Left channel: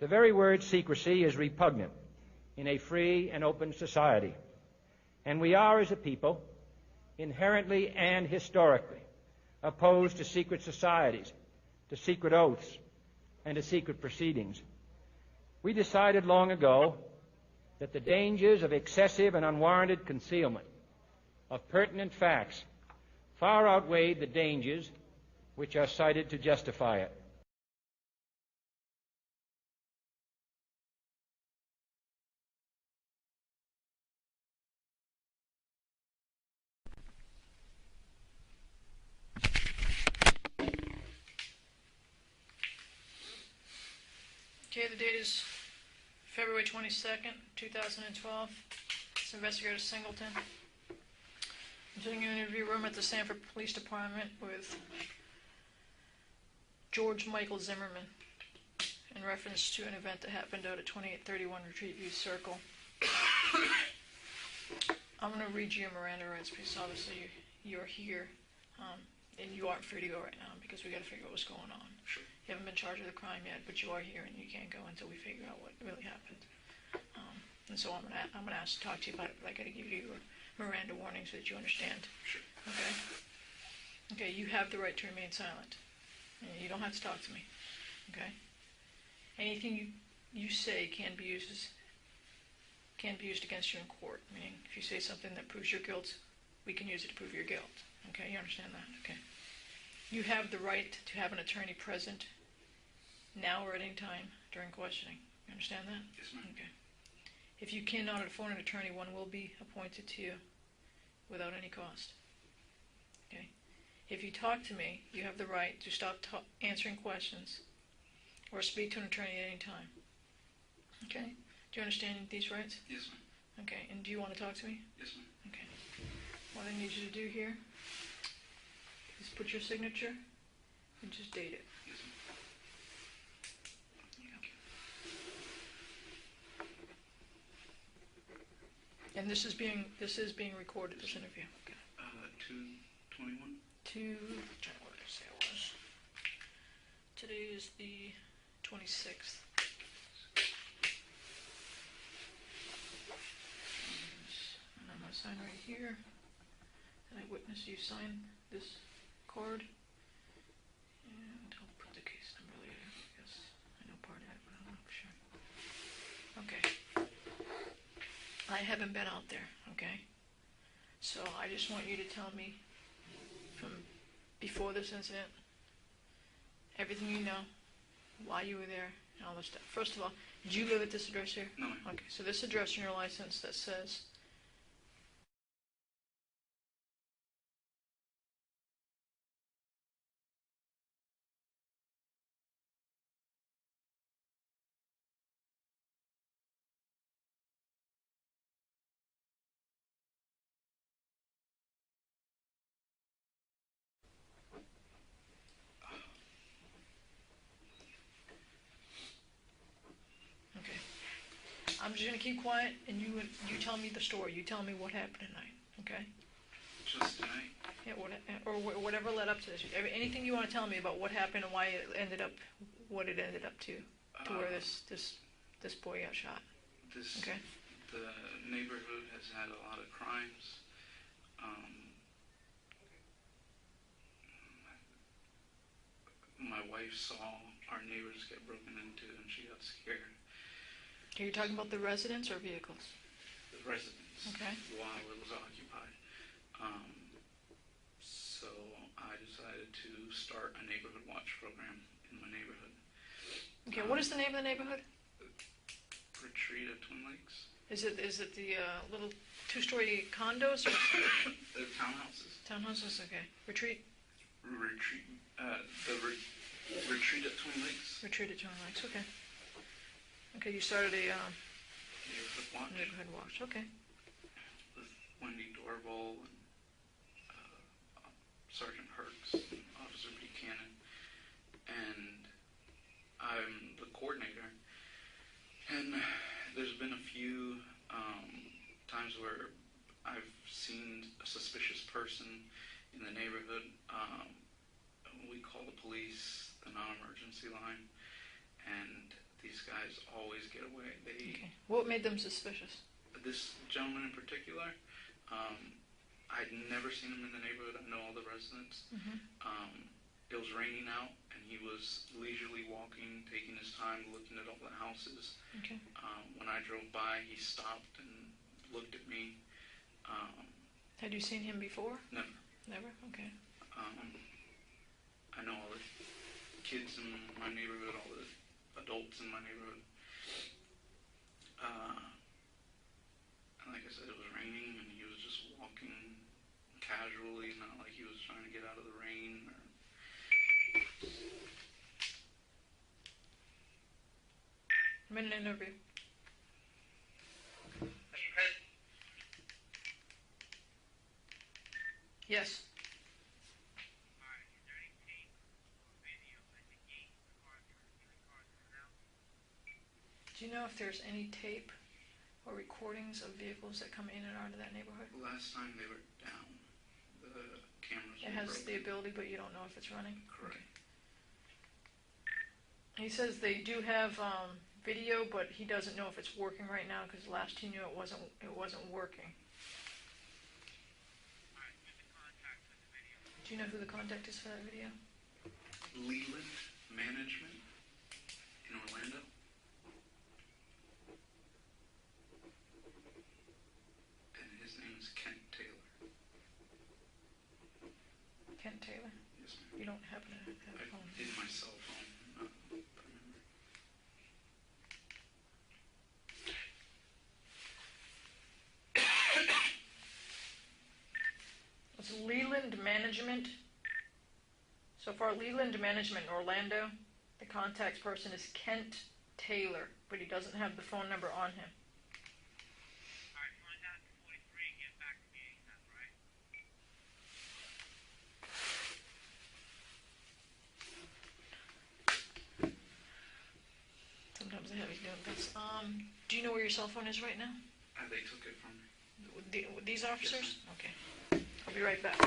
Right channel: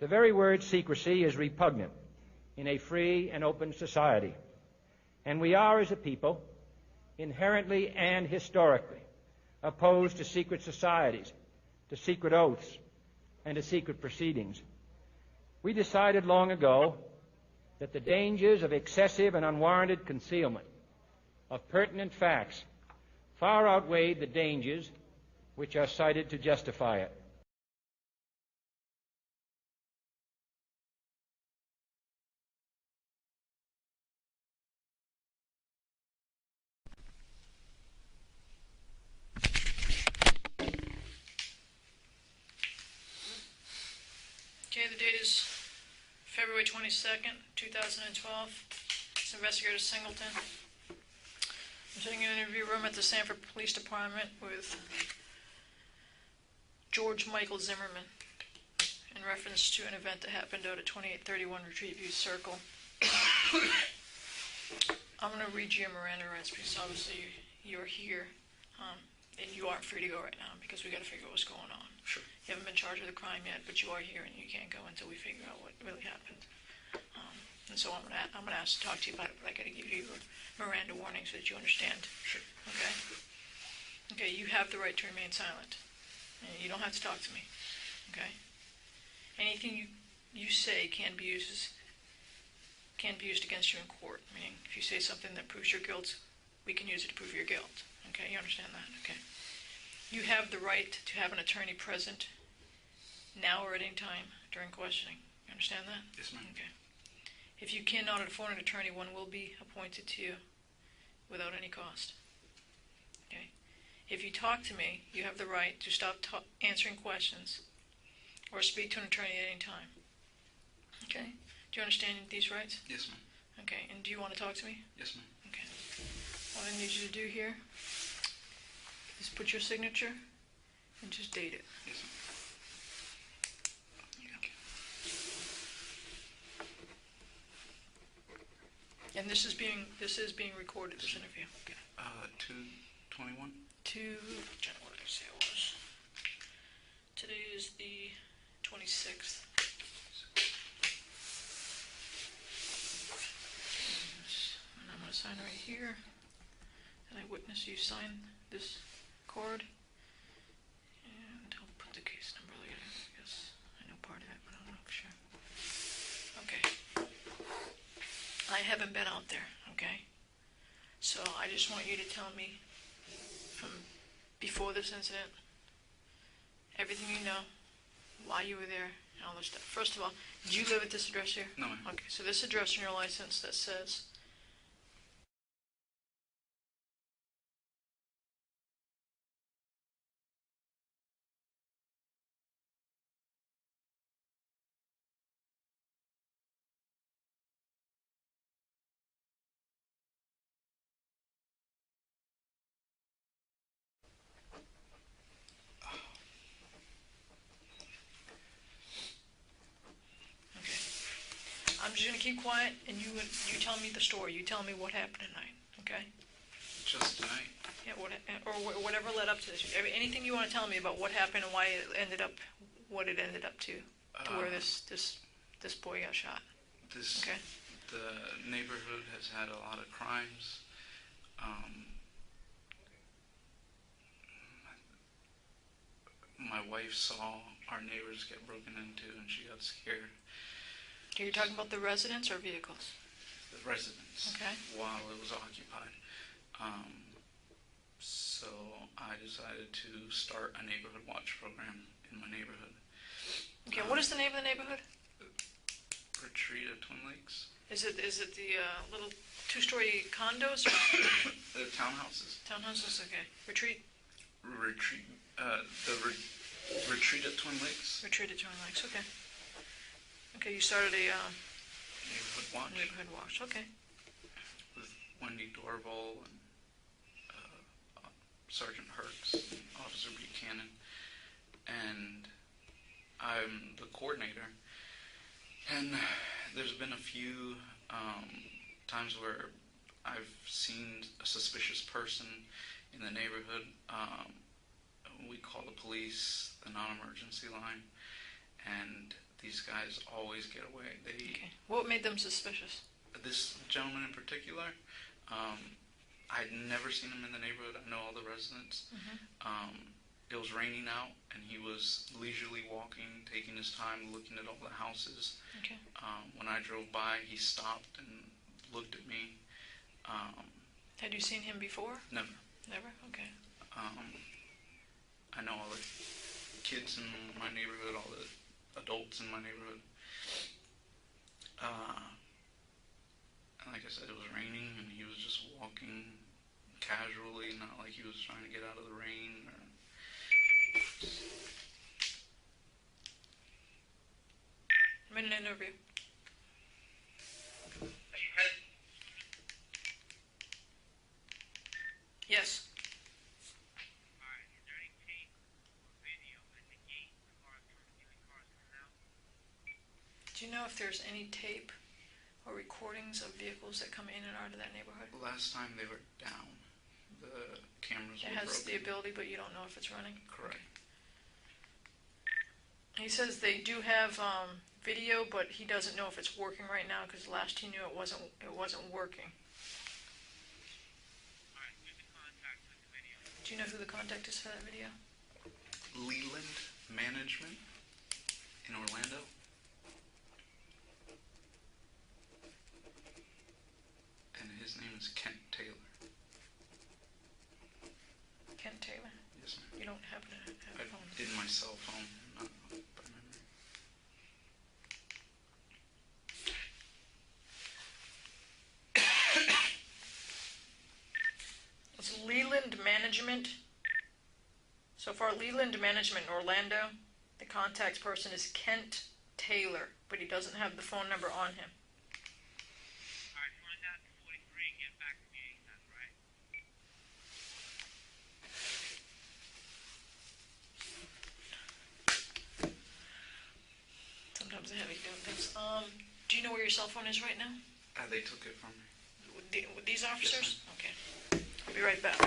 The very word secrecy is repugnant in a free and open society, and we are, as a people, inherently and historically opposed to secret societies, to secret oaths, and to secret proceedings. We decided long ago that the dangers of excessive and unwarranted concealment of pertinent facts far outweighed the dangers which are cited to justify it. Okay, the date is February 22nd, 2012. It's Investigator Singleton. I'm sitting in an interview room at the Sanford Police Department with George Michael Zimmerman in reference to an event that happened out at 2831 Retreat View Circle. I'm going to read you your Miranda rights because obviously you're here and you aren't free to go right now because we got to figure out what's going on. Sure. You haven't been charged with a crime yet, but you are here and you can't go until we figure out what really happened. And so I'm gonna ask to talk to you about it, but I got to give you a Miranda warning so that you understand. Sure. Okay. Okay. You have the right to remain silent. You don't have to talk to me. Okay. Anything you say can be used against you in court. Meaning, if you say something that proves your guilt, we can use it to prove your guilt. Okay. You understand that? Okay. You have the right to have an attorney present now or at any time during questioning. You understand that? Yes, ma'am. Okay. If you cannot afford an attorney, one will be appointed to you without any cost. Okay. If you talk to me, you have the right to stop answering questions or speak to an attorney at any time. Okay. Do you understand these rights? Yes, ma'am. Okay. And do you want to talk to me? Yes, ma'am. Okay. What I need you to do here is put your signature and just date it. Yes, ma'am. And this is being recorded, this interview. Okay. 2/21. What did I say it was? Today is the 26th. And I'm going to sign right here. And I witness you sign this card. And I'll put the case number later. Yes, I know part of it, but I'm not sure. Okay. I haven't been out there, okay? So I just want you to tell me from before this incident, everything you know, why you were there, and all this stuff. First of all, do you live at this address here? No, ma'am. Okay, so this address in your license that says I'm just going to keep quiet, and you tell me the story. You tell me what happened tonight, okay? Just tonight. Yeah, or whatever led up to this. Anything you want to tell me about what happened and why it ended up, what it ended up to where this boy got shot. Okay. The neighborhood has had a lot of crimes. My wife saw our neighbors get broken into, and she got scared. Are you talking about the residents or vehicles? The residents. Okay. While it was occupied. So I decided to start a neighborhood watch program in my neighborhood. Okay, what is the name of the neighborhood? Retreat at Twin Lakes. Is it the little two-story condos or They're townhouses. townhouses? Okay. Retreat Retreat at Twin Lakes. at Twin Lakes. Okay. Okay, you started a Neighborhood watch. neighborhood watch. Okay. With Wendy Dorval and Sergeant Herx, Officer Buchanan, and I'm the coordinator. And there's been a few times where I've seen a suspicious person in the neighborhood. We call the police, the non-emergency line, and these guys always get away. Okay. What made them suspicious? This gentleman in particular, I'd never seen him in the neighborhood. I know all the residents. It was raining out, and he was leisurely walking, taking his time, looking at all the houses. Okay. When I drove by, he stopped and looked at me. Had you seen him before? Never. Never? Okay. I know all the kids in my neighborhood, all the adults in my neighborhood. And like I said, it was raining, and he was just walking casually, not like he was trying to get out of the rain. I'm in an interview. Yes. Alright, is there any tape or video at the gate for cars coming in and cars coming out? Do you know if there's any tape or recordings of vehicles that come in and out of that neighborhood? Last time they were down. The cameras It were has broken. the ability, but you don't know if it's running? Correct. He says they do have video, but he doesn't know if it's working right now because last he knew it wasn't working. Alright, who's the contact with the video? Do you know who the contact is for that video? Leland Management in Orlando. And his name is Kent Taylor. Kent Taylor? Yes, ma'am. You don't happen to have I a phone? did my cell phone, not by memory. It's Leland Management. So far, Leland Management Orlando. The contact person is Kent Taylor, but he doesn't have the phone number on him. Alright, find out the 43 and get back to me ASAP, right? Sometimes I have you doing this. Do you know where your cell phone is right now? They took it from me. These officers? Okay. I'll be right back.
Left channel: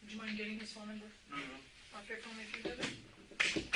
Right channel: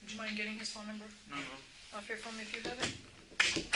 Would you mind getting his phone number No, no. off your phone if you have it?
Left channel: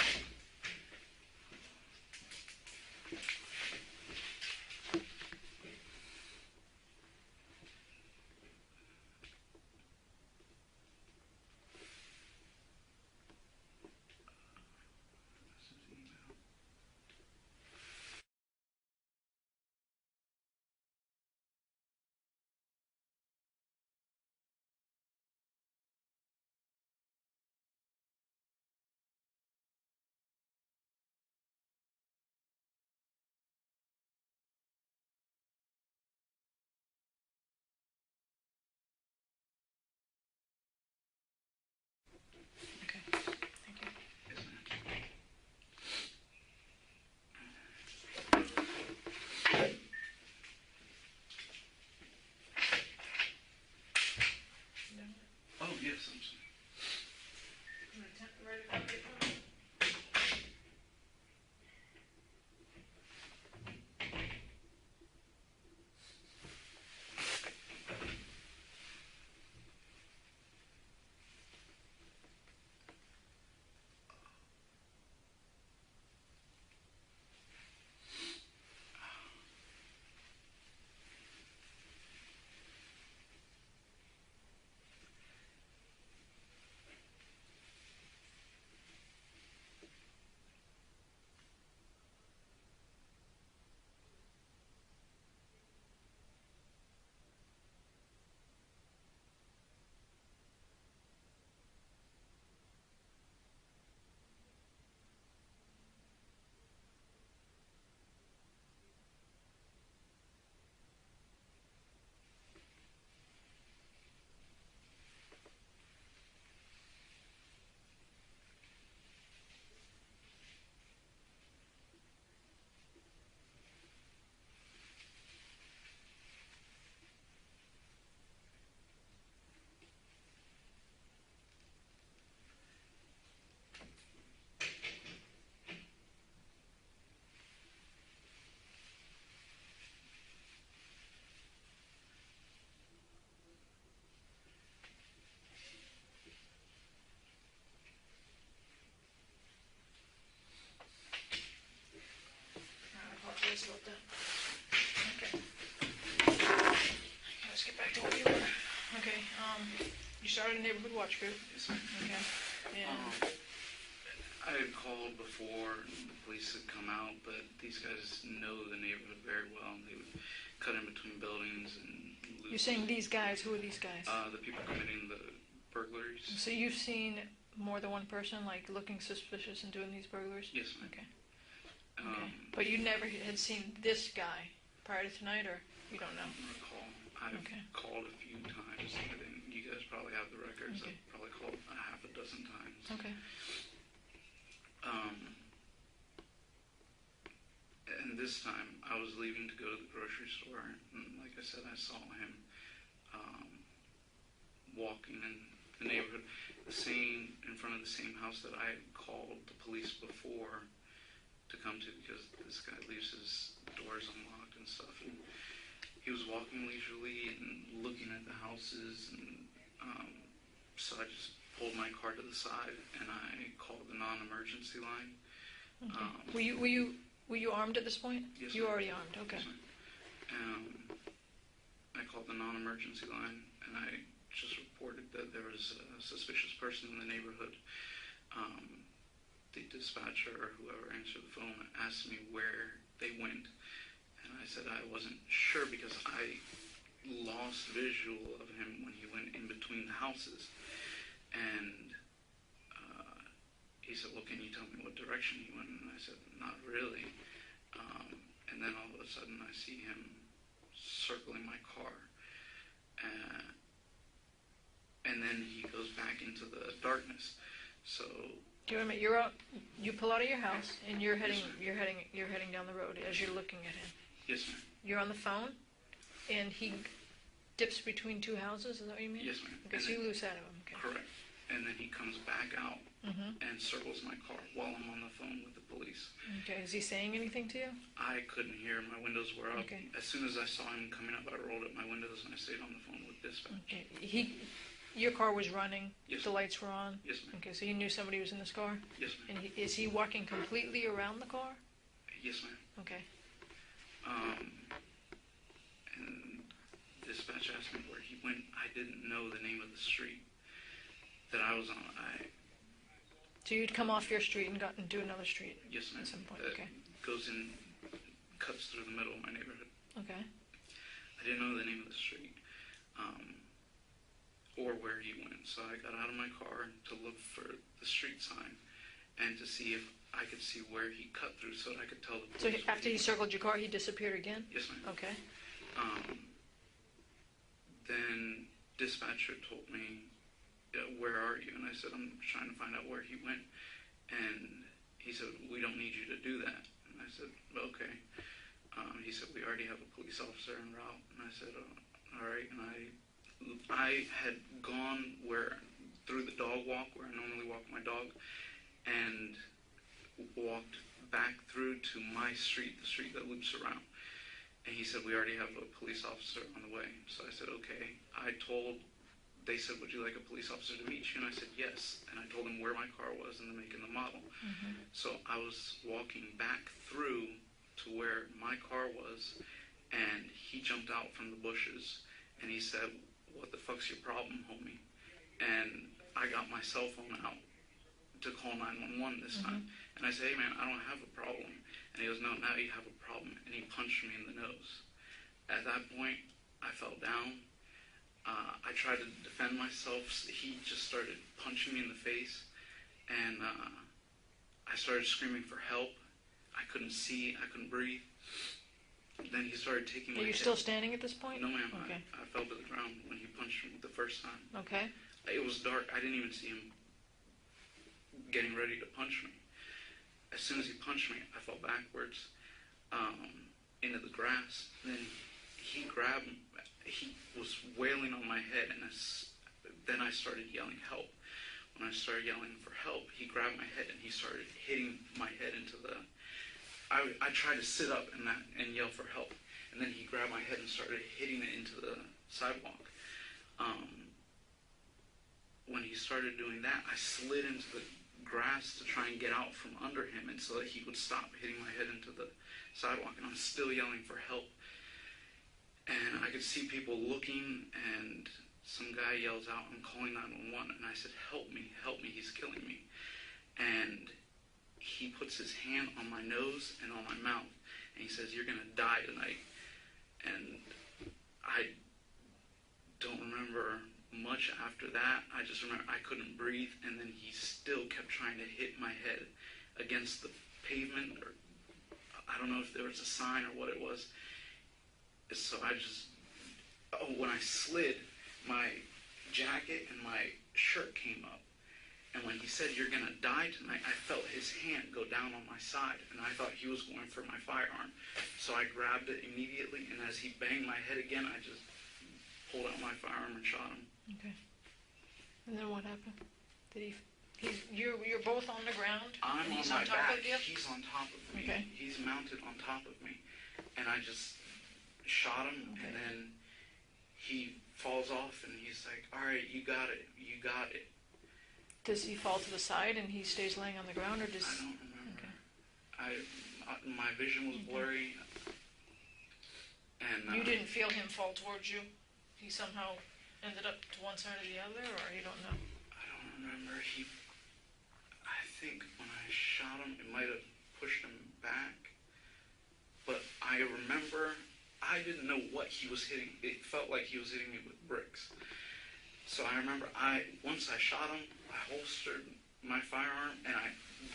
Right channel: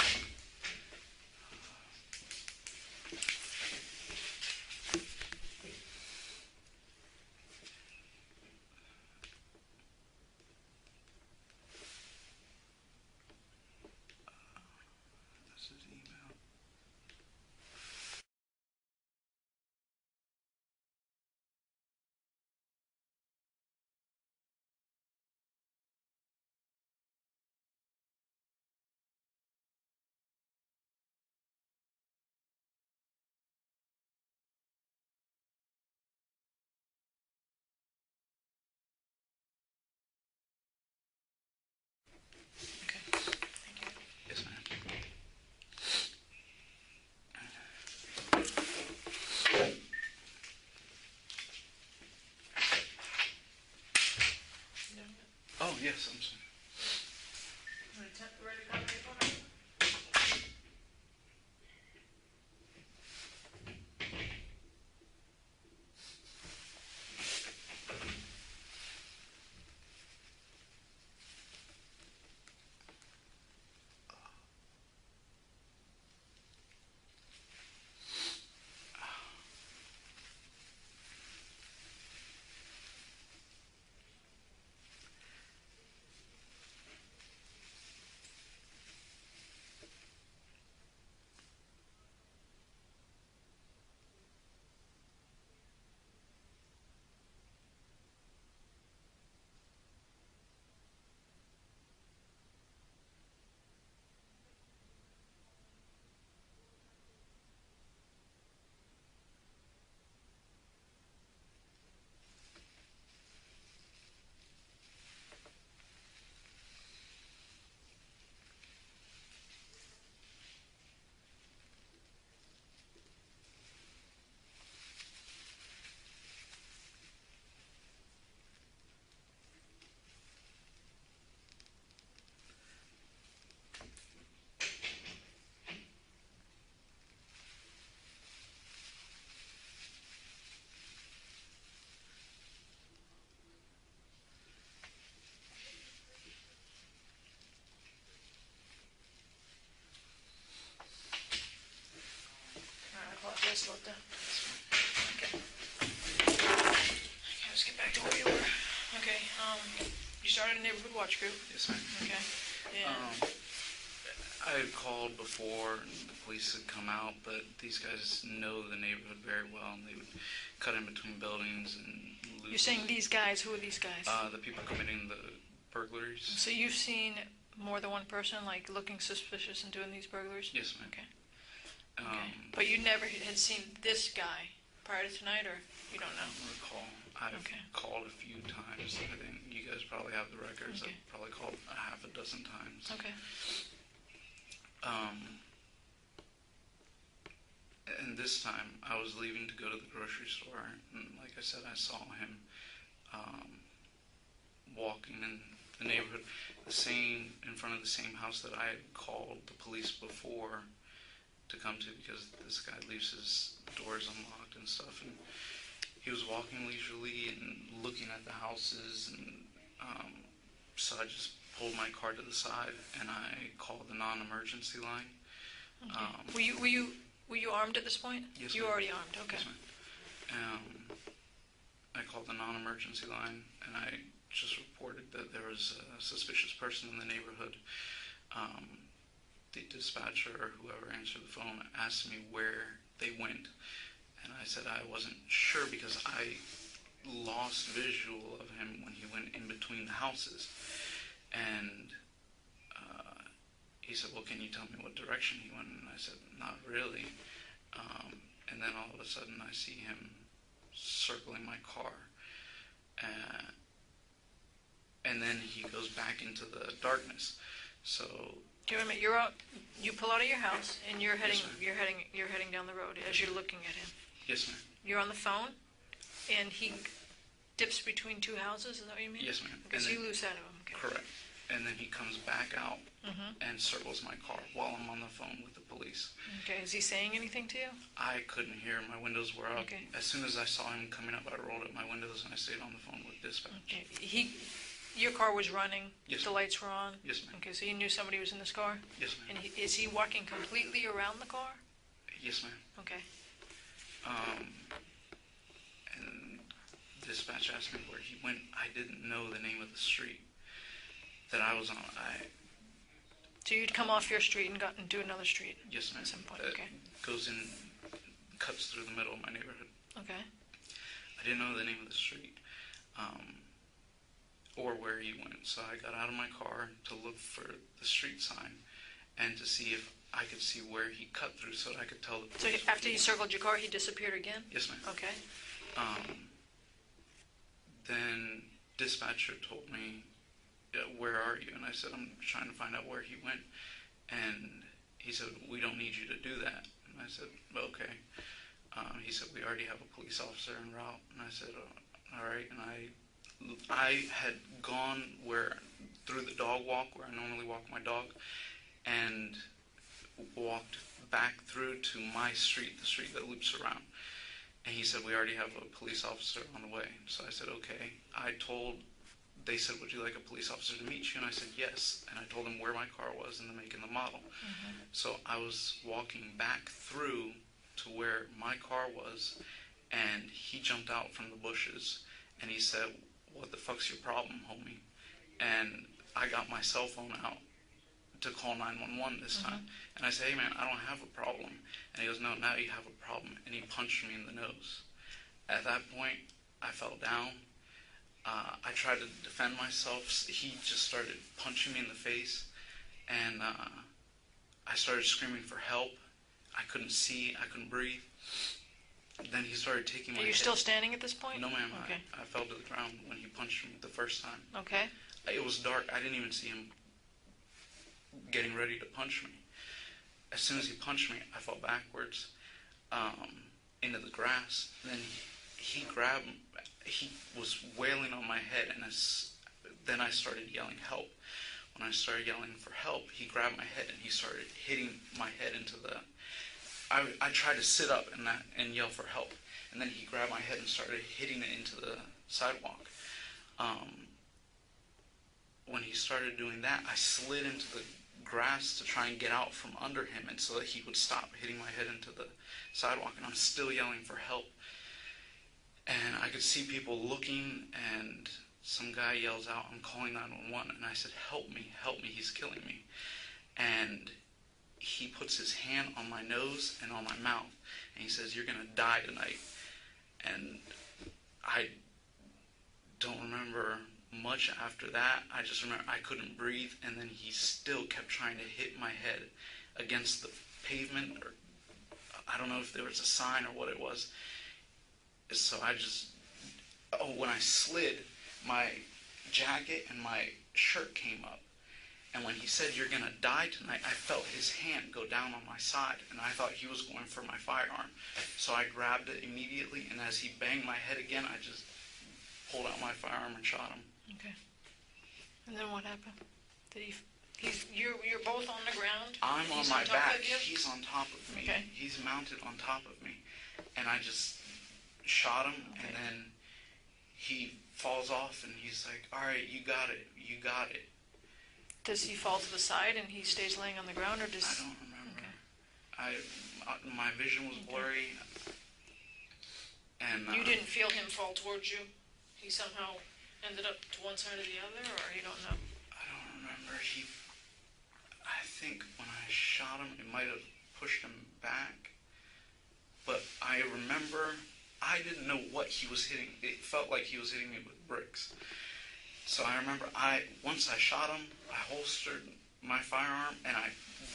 neighborhood watch group. Yes, ma'am. Okay. And I had called before, and the police had come out, but these guys know the neighborhood very well, and they would cut in between buildings and loot. you're saying these guys? Who are these guys? The people committing the burglaries. So you've seen more than one person, like, looking suspicious and doing these burglaries? Yes, ma'am. Okay. But you never had seen this guy prior to tonight, or you don't know? I don't recall. I've Okay. called a few times. I think you guys probably have the records. Okay. I've probably called a half a dozen times. Okay. And this time, I was leaving to go to the grocery store, and like I said, I saw him walking in the neighborhood, in front of the same house that I had called the police before to come to, because this guy leaves his doors unlocked and stuff, and he was walking leisurely and looking at the houses, and so I just pulled my car to the side and I called the non-emergency line. Okay. Were you armed at this point? Yes, You were ma'am. already armed. Okay. Yes, ma'am. I called the non-emergency line, and I just reported that there was a suspicious person in the neighborhood. The dispatcher or whoever answered the phone asked me where they went, and I said I wasn't sure because I lost visual of him when he went in between the houses. And he said, well, can you tell me what direction he went? And I said, not really. And then all of a sudden I see him circling my car. And then he goes back into the darkness. So Wait a minute. You're out. You pull out of your house and you're heading. Yes, ma'am. You're heading down the road as you're looking at him. yes, ma'am. You're on the phone, and he dips between two houses. Is that what you mean? Yes, ma'am. Okay, And so then- you lose sight of him. Okay. Correct. And then he comes back out Mm-hmm. and circles my car while I'm on the phone with the police. Okay. Is he saying anything to you? I couldn't hear. My windows were up. Okay. As soon as I saw him coming up, I rolled up my windows and I stayed on the phone with dispatch. Okay. Your car was running. Yes, The ma'am. lights were on. Yes, ma'am. Okay. So you knew somebody was in this car. Yes, ma'am. And is he walking completely around the car? Yes, ma'am. Okay. And dispatch asked me where he went. I didn't know the name of the street that I was on. So you'd come off your street and got into another street Yes, ma'am. at some point. That Okay. goes in, cuts through the middle of my neighborhood. Okay. I didn't know the name of the street or where he went. So I got out of my car to look for the street sign and to see if I could see where he cut through so that I could tell the So police. after he circled your car, he disappeared again? Yes, ma'am. Okay. Then dispatcher told me, where are you? And I said, I'm trying to find out where he went. And he said, we don't need you to do that. And I said, okay. He said, we already have a police officer en route. And I said, all right. And I had gone through the dog walk where I normally walk my dog, and walked back through to my street, the street that loops around. And he said, we already have a police officer on the way. So I said, okay. They said, would you like a police officer to meet you? And I said, yes. And I told them where my car was and the make and the model. Mm-hmm. So I was walking back through to where my car was, and he jumped out from the bushes, and he said, what the fuck's your problem, homie? And I got my cell phone out to call 911 this time. And I said, hey man, I don't have a problem. And he goes, no, now you have a problem. And he punched me in the nose. At that point, I fell down. I tried to defend myself. He just started punching me in the face, and I started screaming for help. I couldn't see. I couldn't breathe. Then he started taking my Are you head. still standing at this point? No, ma'am. Okay. I fell to the ground when he punched me the first time. Okay. It was dark. I didn't even see him getting ready to punch me. As soon as he punched me, I fell backwards into the grass. Then he grabbed me. He was wailing on my head, and then I started yelling help. When I started yelling for help, he grabbed my head and he started hitting my head into the... I tried to sit up and yell for help, and then he grabbed my head and started hitting it into the sidewalk. When he started doing that, I slid into the grass to try and get out from under him, and so that he would stop hitting my head into the sidewalk, and I'm still yelling for help. And I could see people looking and some guy yells out, "I'm calling 911," and I said, help me, he's killing me. And he puts his hand on my nose and on my mouth, and he says, "You're going to die tonight." And I don't remember much after that. I just remember I couldn't breathe, and then he still kept trying to hit my head against the pavement, or I don't know if there was a sign or what it was. So when I slid, my jacket and my shirt came up. And when he said, "You're going to die tonight," I felt his hand go down on my side, and I thought he was going for my firearm. So I grabbed it immediately, and as he banged my head again, I just pulled out my firearm and shot him. Okay. And then what happened? You're both on the ground? I'm and on he's my top back. of you? He's on top of me. Okay. He's mounted on top of me. And I just shot him, Okay. and then he falls off, and he's like, "All right, you got it. You got it." Does he fall to the side and he stays laying on the ground, or does... I don't remember. Okay. My vision was blurry, and You didn't feel him fall towards you? He somehow ended up to one side or the other, or you don't know? I don't remember. I think when I shot him, it might have pushed him back, but I remember I didn't know what he was hitting. It felt like he was hitting me with bricks. So I remember once I shot him, I holstered my firearm, and I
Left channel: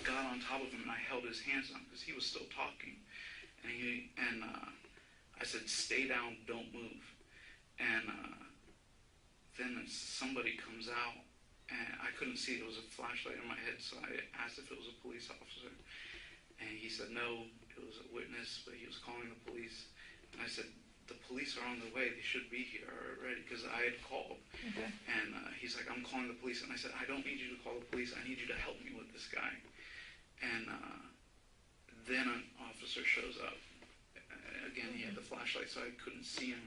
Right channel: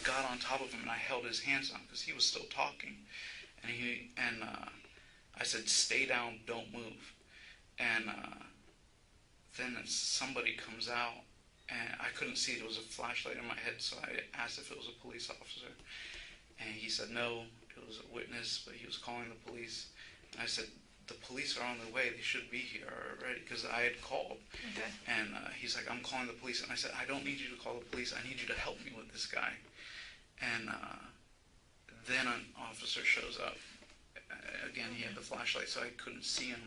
got on top of him, and I held his hands down because he was still talking. And I said, "Stay down, don't move." And then somebody comes out, and I couldn't see. There was a flashlight in my head, so I asked if it was a police officer. And he said no, it was a witness, but he was calling the police. And I said, "The police are on their way. They should be here already," because I had called. Okay. And he's like, "I'm calling the police." And I said, "I don't need you to call the police. I need you to help me with this guy." And then an officer shows up. Again, he had the flashlight, so I couldn't see him.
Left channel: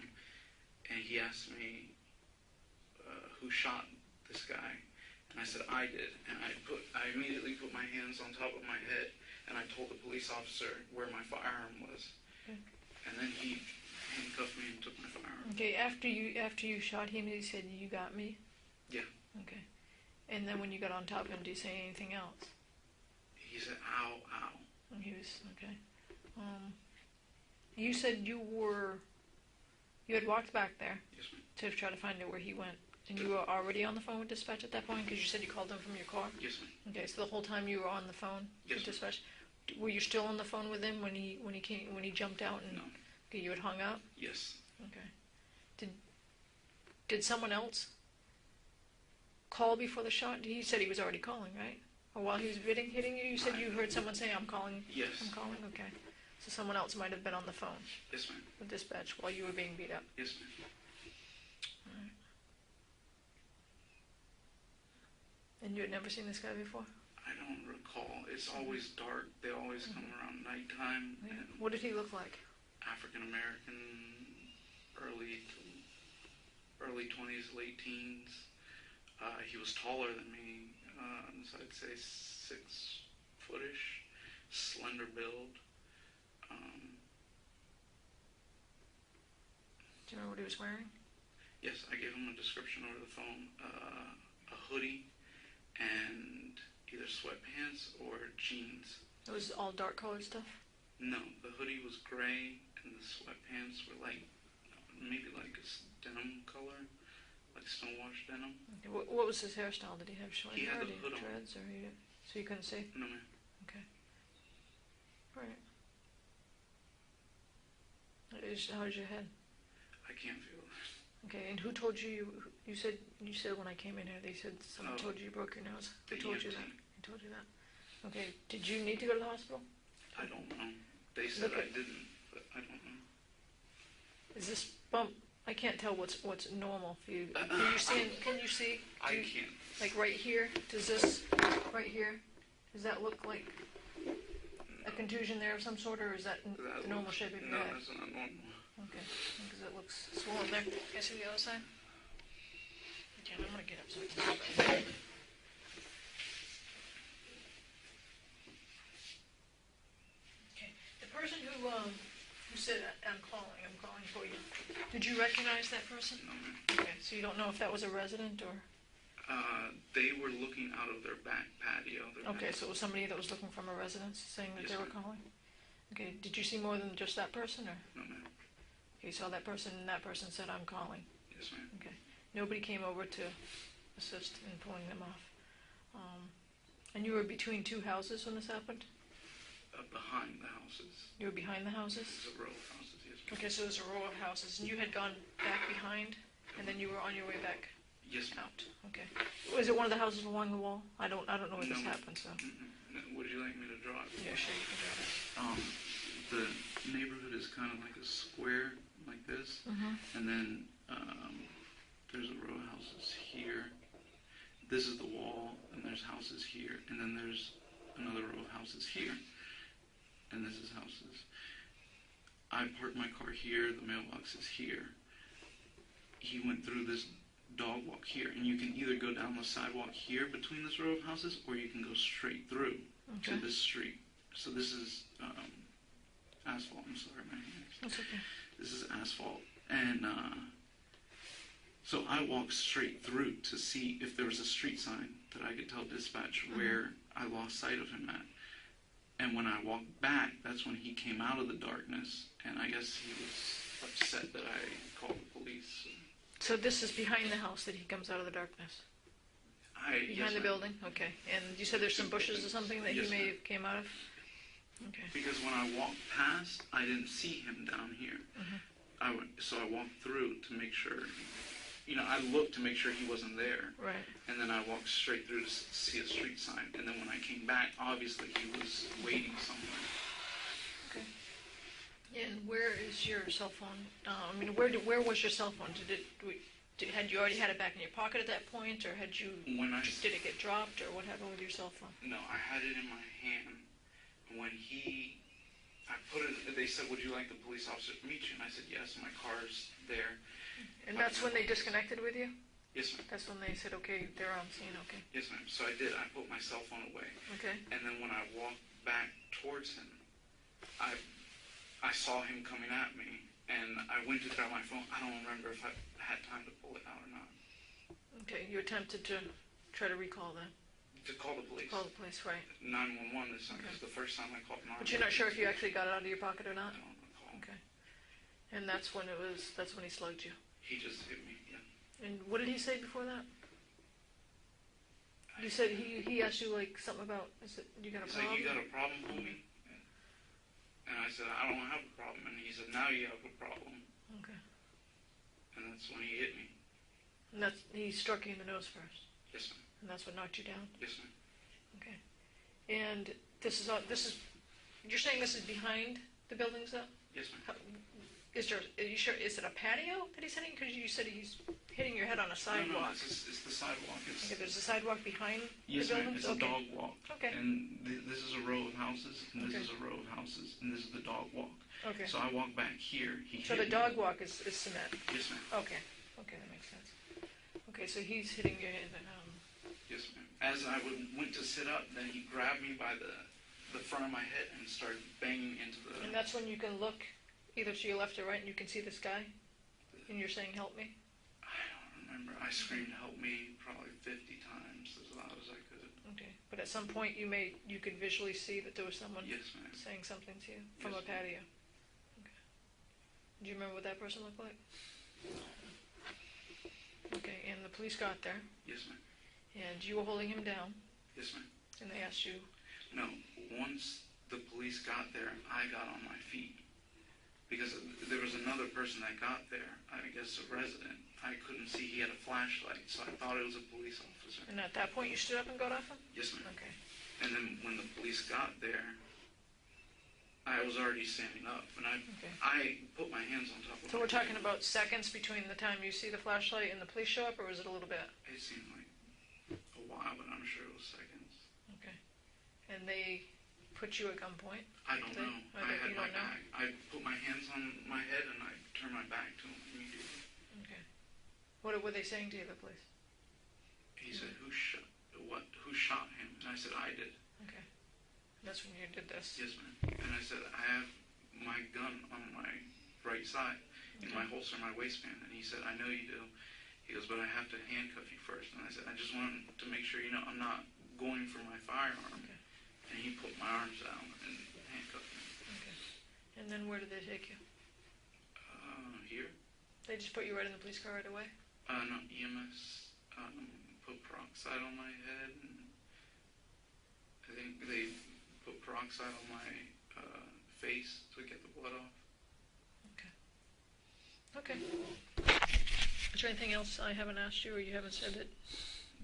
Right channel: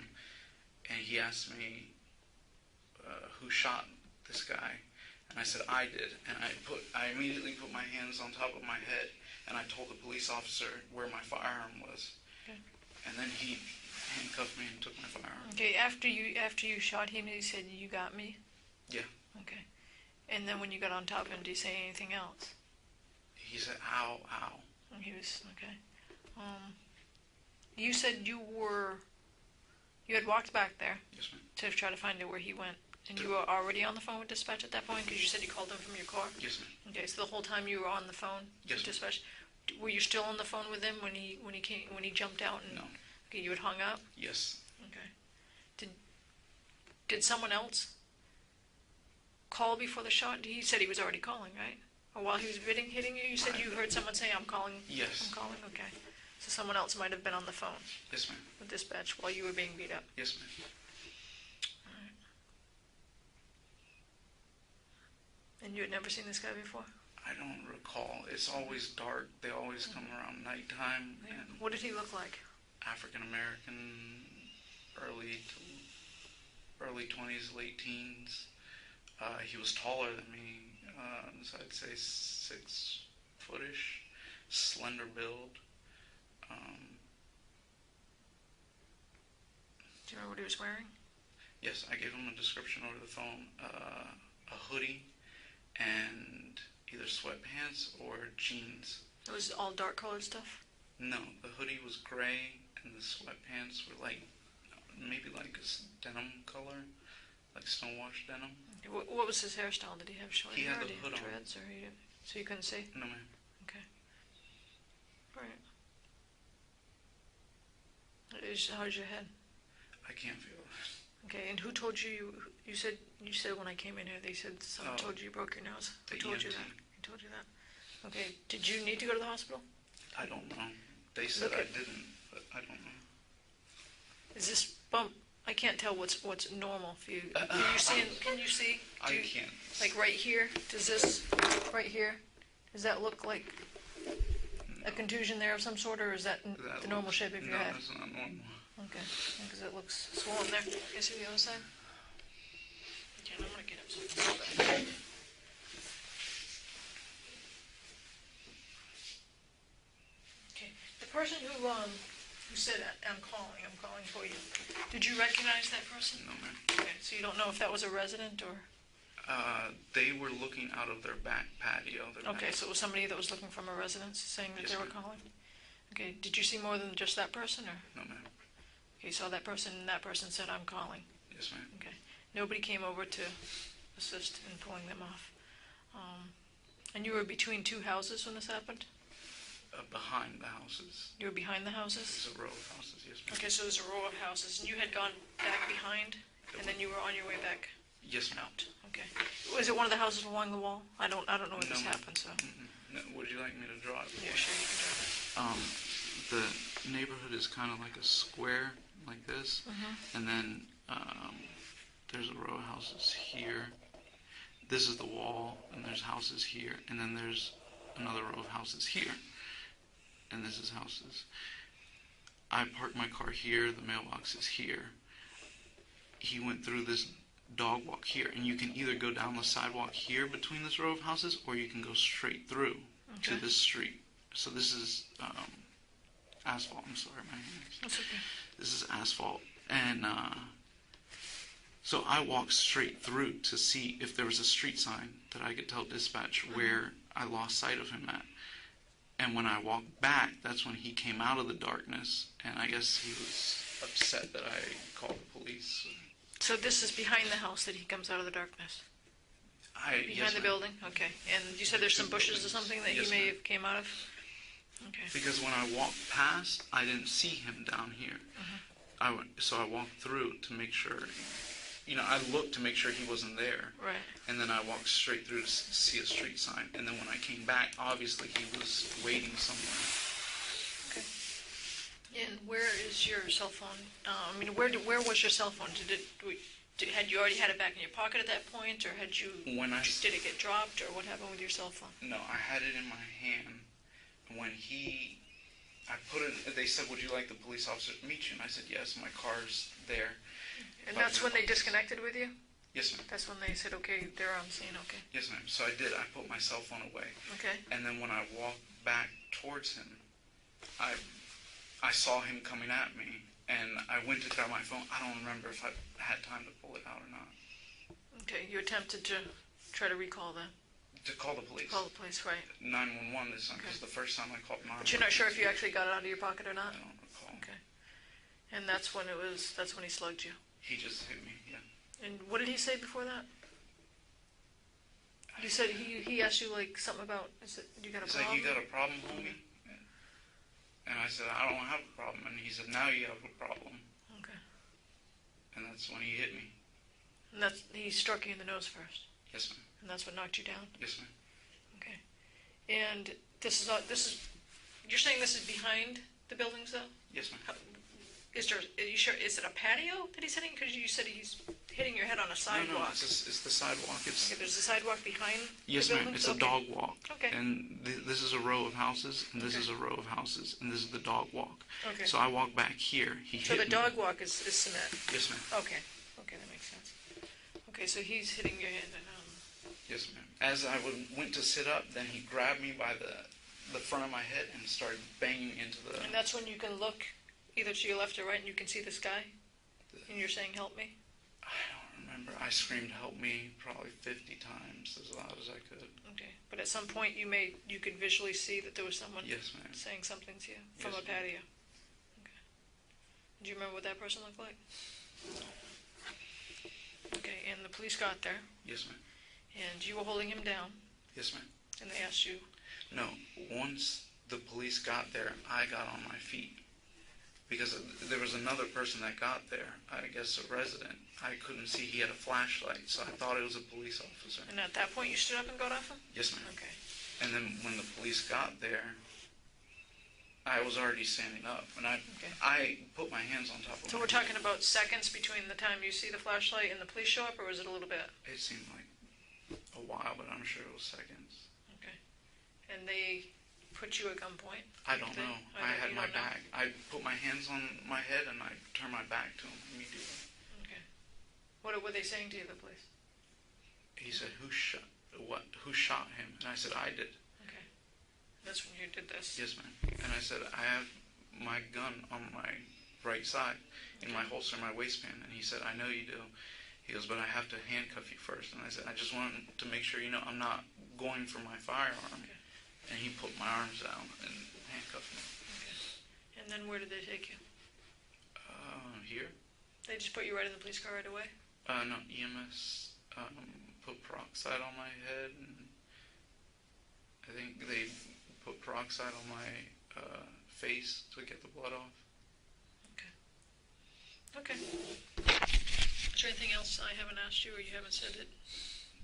And he asked me, "Who shot this guy?" And I said, "I did." And I immediately put my hands on top of my head, and I told the police officer where my firearm was. Okay. And then he handcuffed me and took my firearm. Okay, after you shot him, he said, "You got me"? Yeah. Okay. And then when you got on top of him, did he say anything else? He said, "Ow, ow." And he was, okay. You said you had walked back there Yes, ma'am. to try to find out where he went. And you were already on the phone with dispatch at that point? Because you said you called him from your car? Yes, ma'am. Okay, so the whole time you were on the phone Yes, with ma'am. dispatch? Were you still on the phone with him when he jumped out? And, No. Okay, you had hung up? Yes. Okay. Did someone else call before the shot? He said he was already calling, right? Or while he was hitting you, you said you heard someone say, "I'm calling." Yes. I'm calling, okay. So someone else might have been on the phone Yes, ma'am. with dispatch while you were being beat up. Yes, ma'am. And you had never seen this guy before? I don't recall. It's always dark. They always come around nighttime. And What did he look like? African American, early 20s, late teens. He was taller than me, so I'd say 6 footish, slender build. Do you remember what he was wearing? Yes, I gave him a description over the phone. A hoodie and either sweatpants or jeans. It was all dark colored stuff? No, the hoodie was gray and the sweatpants were maybe like a denim color, like stonewash denim. What was his hairstyle? Did he have short He hair? had Did the he hood have on. dreads, or so you couldn't see? No, ma'am. Okay. Alright. How's your head? I can't feel it. Okay, and who told you said when I came in here, they said someone told you broke your nose? Who The told you EMT. that? Who told you that? Okay, did you need to go to the hospital? I don't know. They said Okay. I didn't, but I don't know. Is this bump? I can't tell what's normal for you. Can you see? I can't. Like right here? Does this right here? Does that look like a contusion there of some sort, or is that the normal shape of your head? No, that's not normal. Okay, because it looks swollen there. Can you see the other side? Okay, I'm gonna get up. Okay, the person who You said, I'm calling for you. Did you recognize that person? No, ma'am. Okay, so you don't know if that was a resident or? They were looking out of their back patio. Okay, so it was somebody that was looking from a residence saying that Yes, they were ma'am. calling? Okay, did you see more than just that person, or? No, ma'am. Okay, you saw that person, and that person said, I'm calling. Yes, ma'am. Okay. Nobody came over to assist in pulling them off. And you were between two houses when this happened? Behind the houses. You were behind the houses? There's a row of houses, yes, ma'am. Okay, so there's a row of houses, and you had gone back behind, and then you were on your way back Yes, ma'am. out. Okay. Was it one of the houses along the wall? I don't know when No, this ma'am. happened, so. No, would you like me to draw it? Yeah, sure, you can The neighborhood is kind of like a square, like this, and then there's a row of houses here. This is the wall, and there's houses here, and then there's another row of houses here, and this is houses. I parked my car here, the mailbox is here. He went through this dog walk here, and you can either go down the sidewalk here between this row of houses, or you can go straight through to this street. So this is asphalt. I'm sorry, my hands. That's okay. This is asphalt, and so I walked straight through to see if there was a street sign that I could tell dispatch where I lost sight of him at. And when I walked back, that's when he came out of the darkness, and I guess he was upset that I called the police. So this is behind the house that he comes out of the darkness? Yes, Behind the ma'am. building? Okay. And you said there's some bushes or something that Yes, he may ma'am. have came out of? Okay. Because when I walked past, I didn't see him down here. So I walked through to make sure, I looked to make sure he wasn't there. Right. And then I walked straight through to see a street sign. And then when I came back, obviously he was waiting somewhere. Okay. And where is your cell phone? Where was your cell phone? Had you already had it back in your pocket at that point, or did it get dropped, or what happened with your cell phone? No, I had it in my hand. When they said, would you like the police officer to meet you? And I said, yes, my car's there. And that's when they disconnected with you? Yes, ma'am. That's when they said, okay, they're on scene, okay. Yes, ma'am. So I did. I put my cell phone away. Okay. And then when I walked back towards him, I saw him coming at me, and I went to grab my phone. I don't remember if I had time to pull it out or not. Okay, you attempted to try to recall that. To call the police. Call the police, right. 911 this time, because the first time I called 911. But you're not sure if you actually got it out of your pocket or not? I don't recall. Okay. And that's when he slugged you. He just hit me, yeah. And what did he say before that? You said he asked you like something about, you got a He's problem? like, you got a problem, homie? And I said, I don't have a problem. And he said, now you have a problem. Okay. And that's when he hit me. And he struck you in the nose first? Yes, ma'am. And that's what knocked you down? Yes, ma'am. Okay. And you're saying this is behind the buildings though? Yes, ma'am. Are you sure, is it a patio that he's hitting? Because you said he's hitting your head on a sidewalk. No, it's the sidewalk. Okay, there's a sidewalk behind Yes, the ma'am. buildings? It's a dog walk. Okay. And this is a row of houses, and this is a row of houses, and this is the dog walk. Okay. So I walk back here. So the dog walk is cement? Yes, ma'am. Okay. Okay, that makes sense. Okay, so he's hitting your head. Yes, ma'am. As I went to sit up, then he grabbed me by the front of my head and started banging into the... And that's when you can look either to your left or right and you can see this guy? And you're saying, help me? I don't remember. I screamed, help me, probably 50 times, as loud as I could. Okay. But at some point you could visually see that there was someone Yes, ma'am. saying something to you from Yes, a patio? Okay. Do you remember what that person looked like? Okay, and the police got there, Yes, ma'am. and you were holding him down, Yes, ma'am. and they asked you, No, once the police got there, I got on my feet. Because there was another person that got there, I guess a resident. I couldn't see, he had a flashlight, so I thought it was a police officer. and at that point you stood up and got off him? Yes, ma'am. Okay. And then when the police got there, I was already standing up, and I put my hands on top of So my we're talking about seconds between the time you see the flashlight and the police show up, or was it a little bit? It seemed like a while, but I'm sure it was seconds. Okay. And they put you at gunpoint? I don't know. I had you my don't know? back. I put my hands on my head, and I turned my back to him immediately. Okay. What were they saying to you, the police? He said, who shot him? And I said, I did. Okay. And that's when you did this? Yes, ma'am. And I said, I have my gun on my right side in my holster, in my waistband. And he said, I know you do. He goes, but I have to handcuff you first. And I said, I just want to make sure you know I'm not going for my firearm. Okay. And he put my arms down and handcuffed me. Okay. And then where did they take you? Here? They just put you right in the police car right away? No, EMS put peroxide on my head, and I think they put peroxide on my face to get the blood off. Okay. Is there anything else I haven't asked you, or you haven't said that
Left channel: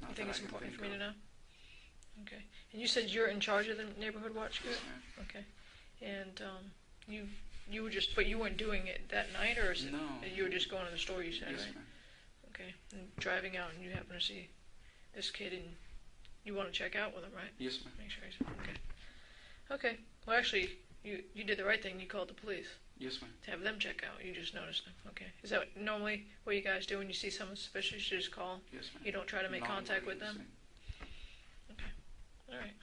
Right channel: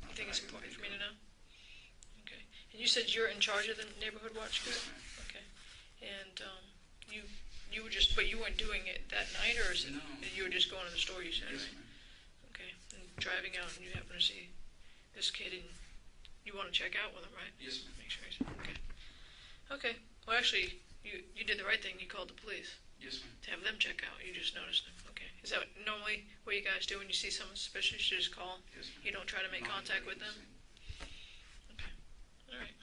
you think is important for me to know? Okay. And you said you're in charge of the neighborhood watch group? Yes, ma'am. Okay. And you were just, but you weren't doing it that night, or is it? No. You were just going to the store, you said, Yes, right? ma'am. Okay. And driving out, and you happen to see this kid, and you want to check out with him, right? Yes, ma'am. Make sure he's okay. Okay. Well, actually, you did the right thing. You called the police Yes, ma'am. to have them check out. You just noticed them. Okay. Is that normally what you guys do when you see someone suspicious? You just call. Yes, ma'am. You don't try to make contact with them. Non-emergency. Okay. All right.